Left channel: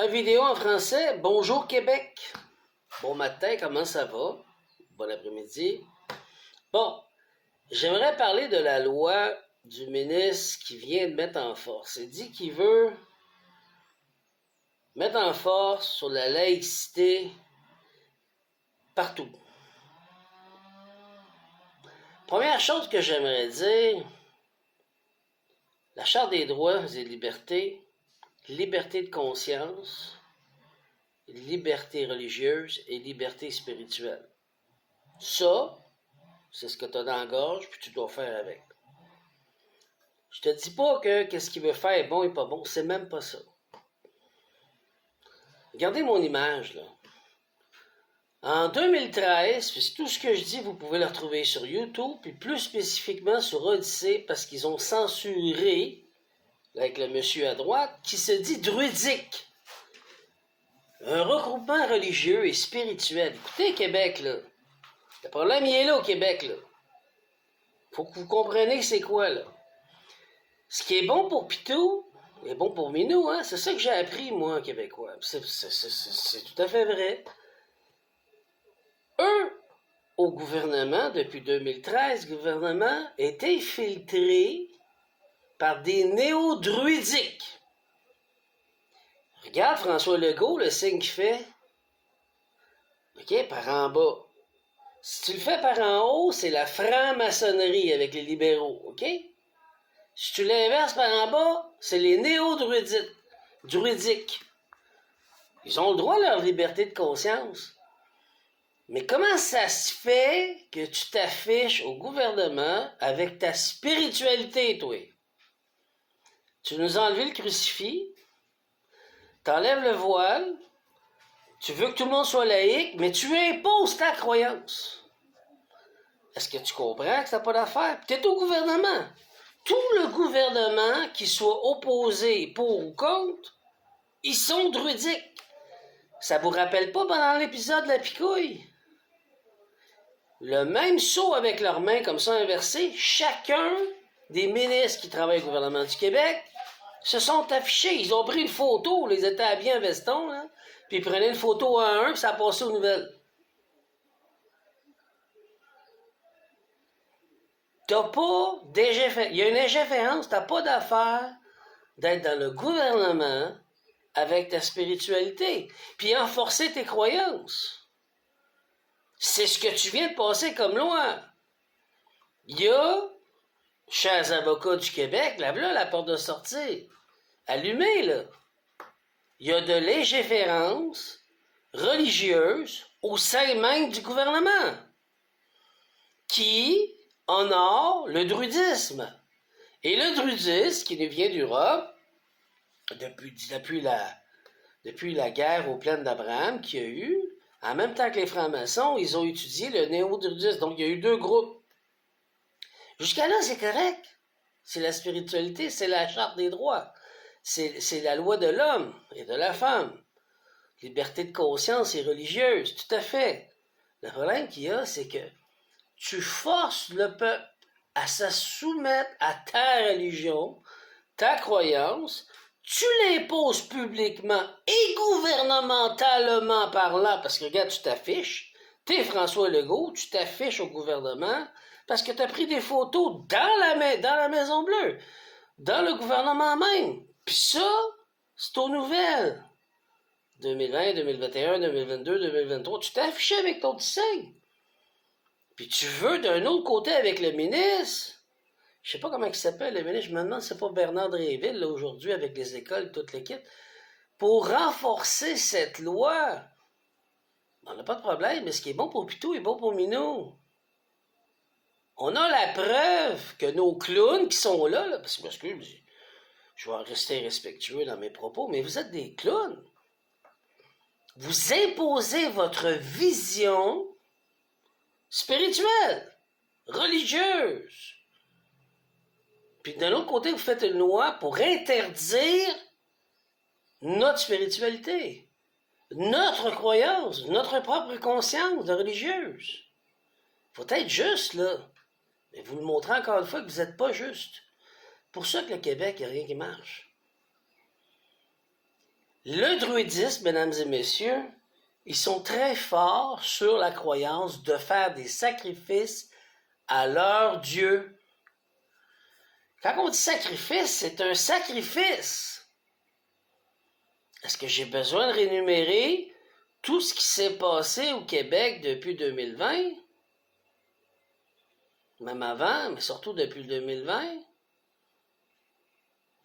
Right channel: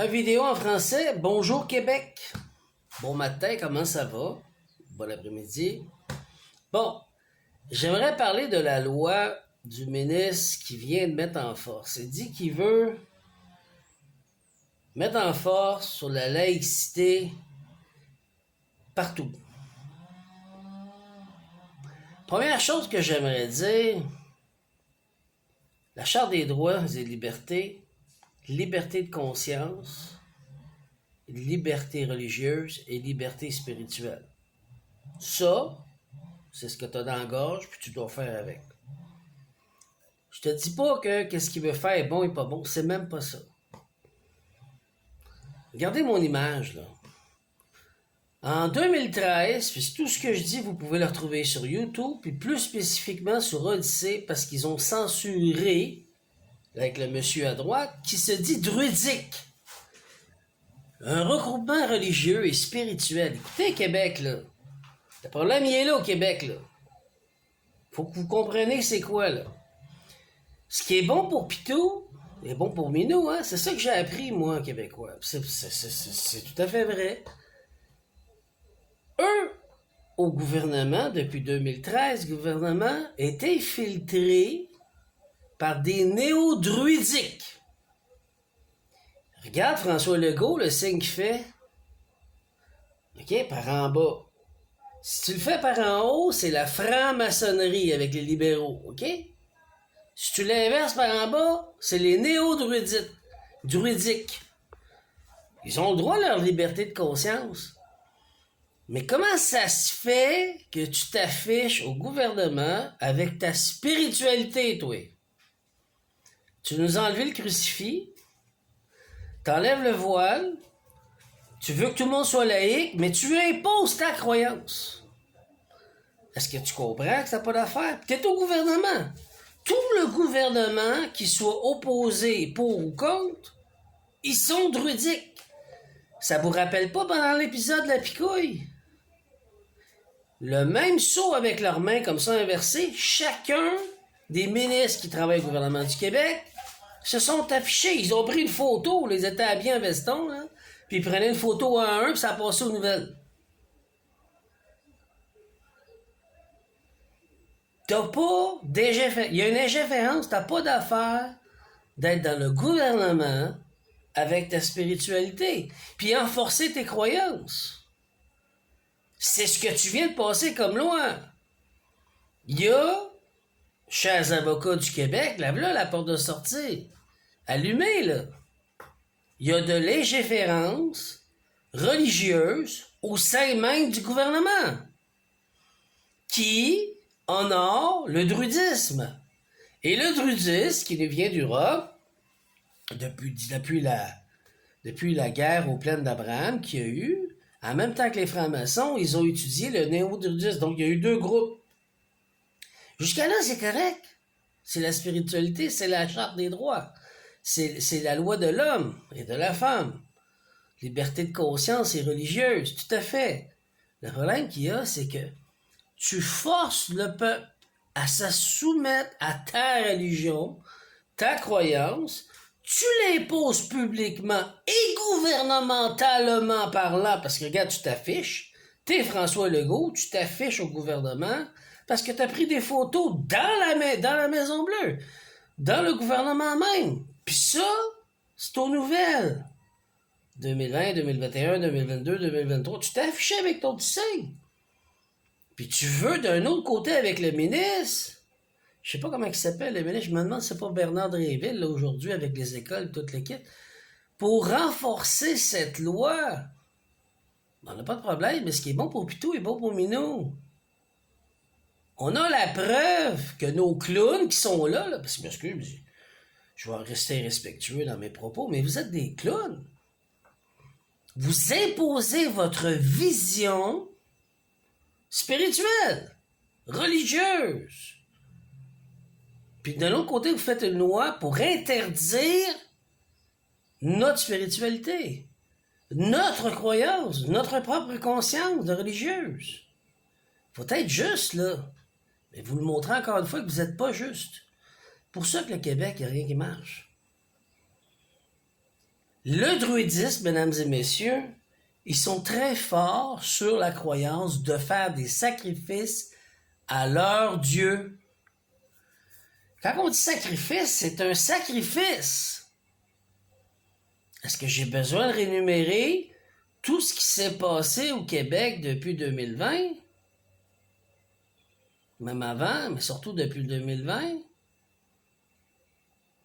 Une vidéo en français. Bonjour Québec. Bon matin, comment ça va? Bon après-midi. Bon, j'aimerais parler de la loi du ministre qui vient de mettre en force. Il dit qu'il veut mettre en force sur la laïcité partout. Première chose que j'aimerais dire, la Charte des droits et libertés, liberté de conscience, liberté religieuse et liberté spirituelle. Ça, c'est ce que tu as dans la gorge, puis tu dois faire avec. Je te dis pas que qu'est-ce qu'il veut faire est bon et pas bon, c'est même pas ça. Regardez mon image, là. En 2013, puis tout ce que je dis, vous pouvez le retrouver sur YouTube, puis plus spécifiquement sur Odyssée, parce qu'ils ont censuré, avec le monsieur à droite, qui se dit druidique. Un regroupement religieux et spirituel. Écoutez, Québec, là. Le problème, il est là au Québec, là. Faut que vous compreniez c'est quoi, là. Ce qui est bon pour Pitou est bon pour Minou, hein. C'est ça que j'ai appris, moi, en québécois. C'est tout à fait vrai. Eux, au gouvernement, depuis 2013, le gouvernement est infiltré par des néo-druidiques. Regarde François Legault, le signe qu'il fait. OK, par en bas. Si tu le fais par en haut, c'est la franc-maçonnerie avec les libéraux, OK? Si tu l'inverses par en bas, c'est les néo-druidiques. Ils ont le droit à leur liberté de conscience. Mais comment ça se fait que tu t'affiches au gouvernement avec ta spiritualité, toi? Tu nous as enlevé le crucifix, t'enlèves le voile, tu veux que tout le monde soit laïque, mais tu imposes ta croyance. Est-ce que tu comprends que ça n'a pas d'affaire? T'es au gouvernement. Tout le gouvernement, qui soit opposé pour ou contre, ils sont druidiques. Ça vous rappelle pas pendant l'épisode de la picouille? Le même saut avec leurs mains comme ça inversées, chacun des ministres qui travaillent au gouvernement du Québec se sont affichés. Ils ont pris une photo, les étaient habillés en veston, là, puis ils prenaient une photo à un, puis ça a passé aux nouvelles. T'as pas d'ingérence. Il y a une ingérence, t'as pas d'affaire d'être dans le gouvernement avec ta spiritualité, puis enforcer tes croyances. C'est ce que tu viens de passer comme loi. Il y a, chers avocats du Québec, là, la porte de sortie. Allumez, là. Il y a de l'ingérence religieuse au sein même du gouvernement qui honore le druidisme. Et le druidisme, qui nous vient d'Europe, depuis la guerre aux plaines d'Abraham qu'il y a eu, en même temps que les francs-maçons, ils ont étudié le néo-druidisme. Donc, il y a eu deux groupes. Jusqu'à là, c'est correct. C'est la spiritualité, c'est la charte des droits. C'est la loi de l'homme et de la femme. Liberté de conscience et religieuse, tout à fait. Le problème qu'il y a, c'est que tu forces le peuple à se soumettre à ta religion, ta croyance, tu l'imposes publiquement et gouvernementalement parlant, parce que regarde, tu t'affiches, t'es François Legault, tu t'affiches au gouvernement, parce que t'as pris des photos dans la Maison Bleue, dans le gouvernement même. Puis ça, c'est aux nouvelles. 2020, 2021, 2022, 2023, tu t'es affiché avec ton petit signe. Puis tu veux d'un autre côté avec le ministre, je sais pas comment il s'appelle le ministre, je me demande si c'est pas Bernard Dréville, là, aujourd'hui, avec les écoles, toute l'équipe, pour renforcer cette loi. On n'a pas de problème, mais ce qui est bon pour Pitou est bon pour Minou. On a la preuve que nos clowns qui sont là, parce que je vais rester respectueux dans mes propos, mais vous êtes des clowns. Vous imposez votre vision spirituelle, religieuse. Puis de l'autre côté, vous faites une loi pour interdire notre spiritualité, notre croyance, notre propre conscience de religieuse. Faut être juste, là. Mais vous le montrez encore une fois que vous n'êtes pas juste. Pour ça que le Québec, il n'y a rien qui marche. Le druidisme, mesdames et messieurs, ils sont très forts sur la croyance de faire des sacrifices à leur Dieu. Quand on dit sacrifice, c'est un sacrifice. Est-ce que j'ai besoin de rémunérer tout ce qui s'est passé au Québec depuis 2020? Même avant, mais surtout depuis 2020?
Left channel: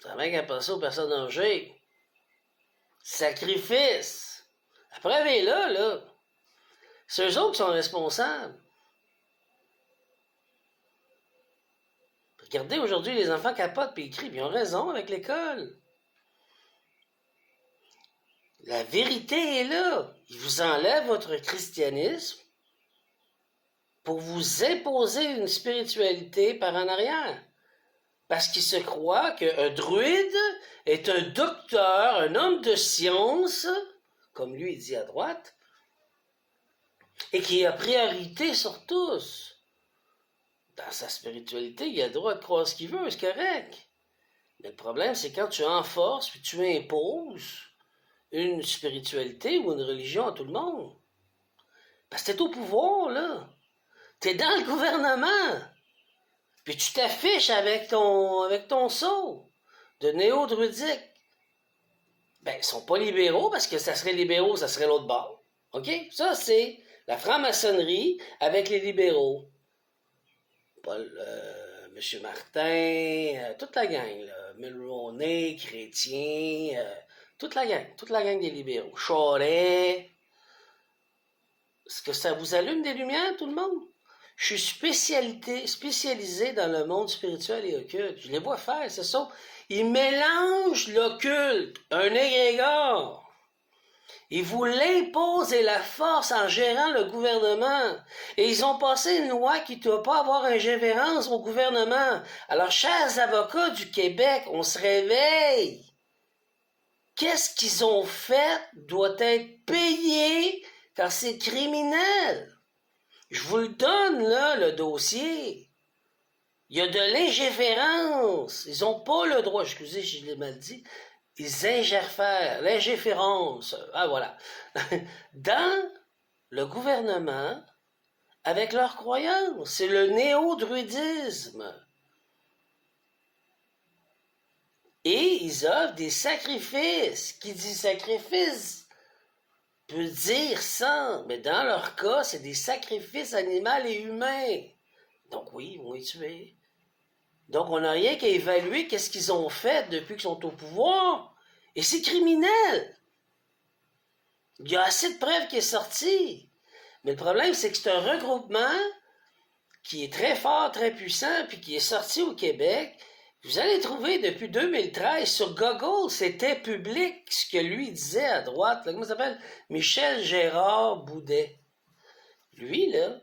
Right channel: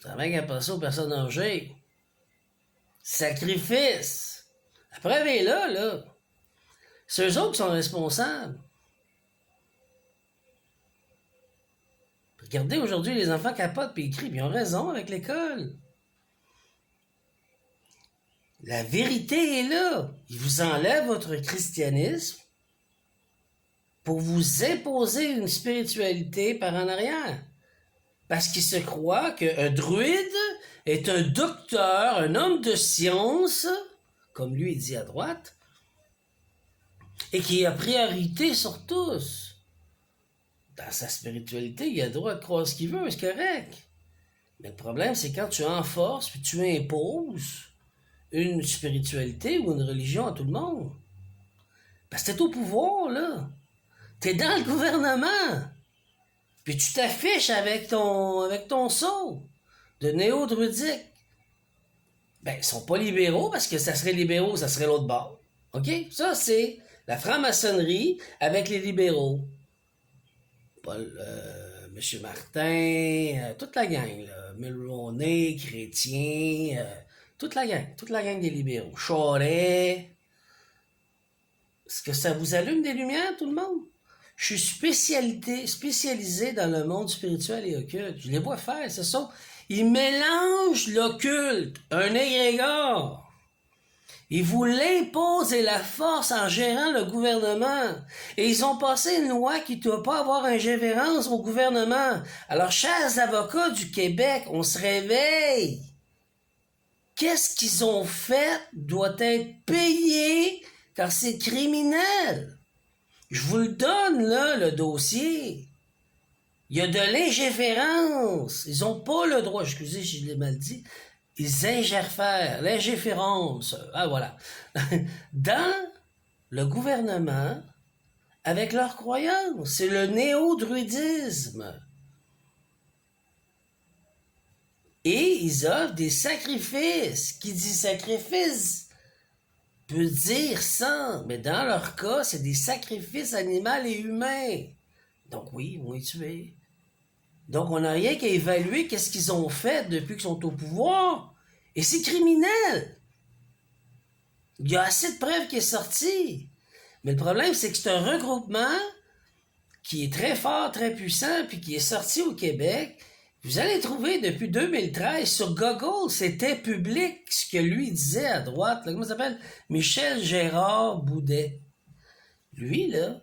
Ça va qu'à passer aux personnes âgées. Sacrifice! La preuve est là. C'est eux autres qui sont responsables. Regardez, aujourd'hui, les enfants capotent puis ils crient, puis ils ont raison avec l'école. La vérité est là. Ils vous enlèvent votre christianisme pour vous imposer une spiritualité par en arrière. Parce qu'ils se croient qu'un druide est un docteur, un homme de science, comme lui il dit à droite, et qui a priorité sur tous. Dans sa spiritualité, il a le droit de croire ce qu'il veut, c'est correct. Mais le problème, c'est quand tu enforces puis tu imposes une spiritualité ou une religion à tout le monde. Parce que t'es au pouvoir, là. T'es dans le gouvernement. Puis tu t'affiches avec ton sceau de néo-druidique. Ben, ils sont pas libéraux parce que ça serait libéraux, ça serait l'autre bord. OK? Ça, c'est la franc-maçonnerie avec les libéraux. Paul, M. Martin, toute la gang, là. Mulroney, Chrétien, toute la gang des libéraux. Charest. Est-ce que ça vous allume des lumières, tout le monde? Je suis spécialisé dans le monde spirituel et occulte. Je les vois faire, c'est ça. Ils mélangent l'occulte, un égrégore. Ils vous l'imposent et la force en gérant le gouvernement. Et ils ont passé une loi qui ne doit pas avoir ingérence au gouvernement. Alors, chers avocats du Québec, on se réveille. Qu'est-ce qu'ils ont fait doit être payé car c'est criminel. Je vous le donne, là, le dossier. Il y a de l'ingéférence. Ils n'ont pas le droit, excusez si je l'ai mal dit, ils ingèrent l'ingéférence. Ah, voilà. Dans le gouvernement, avec leurs croyances. C'est le néo-druidisme. Et ils offrent des sacrifices. Qui dit sacrifice peut dire sang, mais dans leur cas, c'est des sacrifices animaux et humains. Donc oui, ils vont les tuer. Donc on n'a rien qu'à évaluer qu'est-ce qu'ils ont fait depuis qu'ils sont au pouvoir. Et c'est criminel. Il y a assez de preuves qui est sorti. Mais le problème, c'est que c'est un regroupement qui est très fort, très puissant, puis qui est sorti au Québec. Vous allez trouver depuis 2013 sur Google, c'était public ce que lui disait à droite. Là, comment ça s'appelle? Michel Gérard Boudet. Lui, là,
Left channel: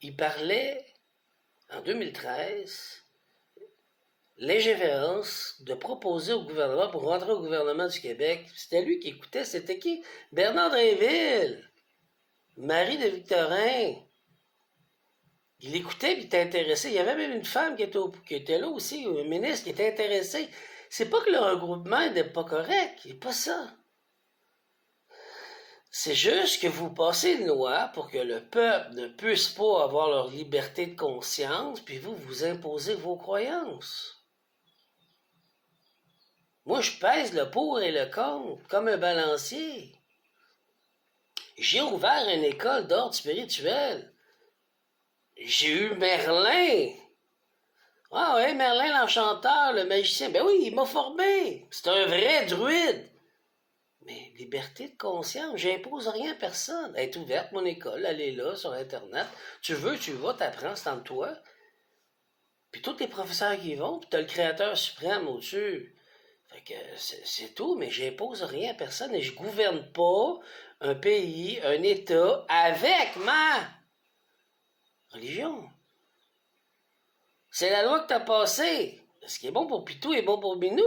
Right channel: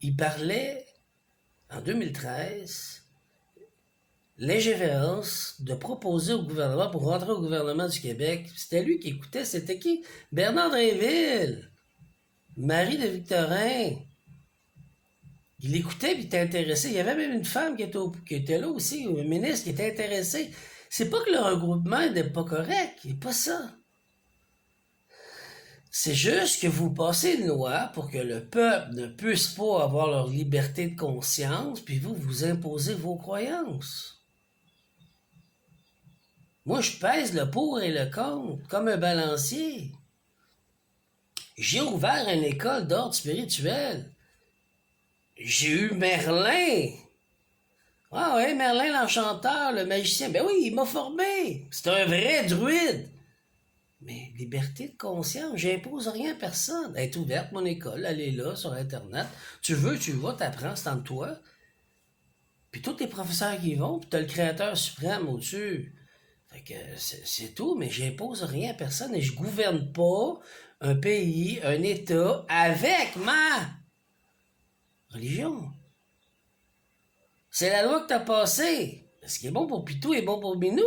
il parlait en 2013 l'ingérence de proposer au gouvernement pour rentrer au gouvernement du Québec. C'était lui qui écoutait. C'était qui? Bernard Drinville, Marie de Victorin. Il écoutait et il était intéressé. Il y avait même une femme qui était là aussi, un ministre qui était intéressé. C'est pas que le regroupement n'est pas correct, c'est pas ça. C'est juste que vous passez une loi pour que le peuple ne puisse pas avoir leur liberté de conscience, puis vous imposez vos croyances. Moi, je pèse le pour et le contre comme un balancier. J'ai ouvert une école d'ordre spirituel. J'ai eu Merlin. Ah ouais, Merlin l'enchanteur, le magicien. Ben oui, il m'a formé. C'est un vrai druide. Mais liberté de conscience, j'impose rien à personne. Elle est ouverte, mon école, elle est là, sur Internet. Tu veux, tu vas, t'apprends, c'est en toi. Puis tous tes professeurs qui y vont, puis t'as le créateur suprême au-dessus. Fait que c'est tout, mais j'impose rien à personne et je gouverne pas un pays, un État avec ma religion. C'est la loi que t'as passée. Ce qui est bon pour Pitou est bon pour Binou.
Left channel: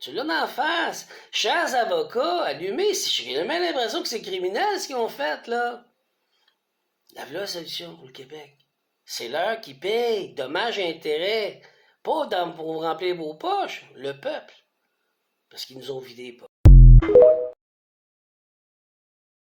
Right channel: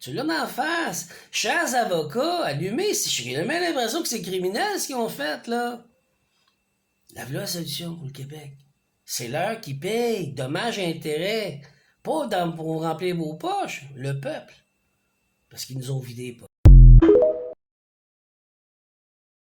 Tu l'as en face. Chers avocats, allumez. J'ai même l'impression que c'est criminel ce qu'ils ont fait, là. La solution pour le Québec. C'est l'heure qui paye. Dommages et intérêts. Pas pour remplir vos poches. Le peuple. Parce qu'ils nous ont vidé les poches.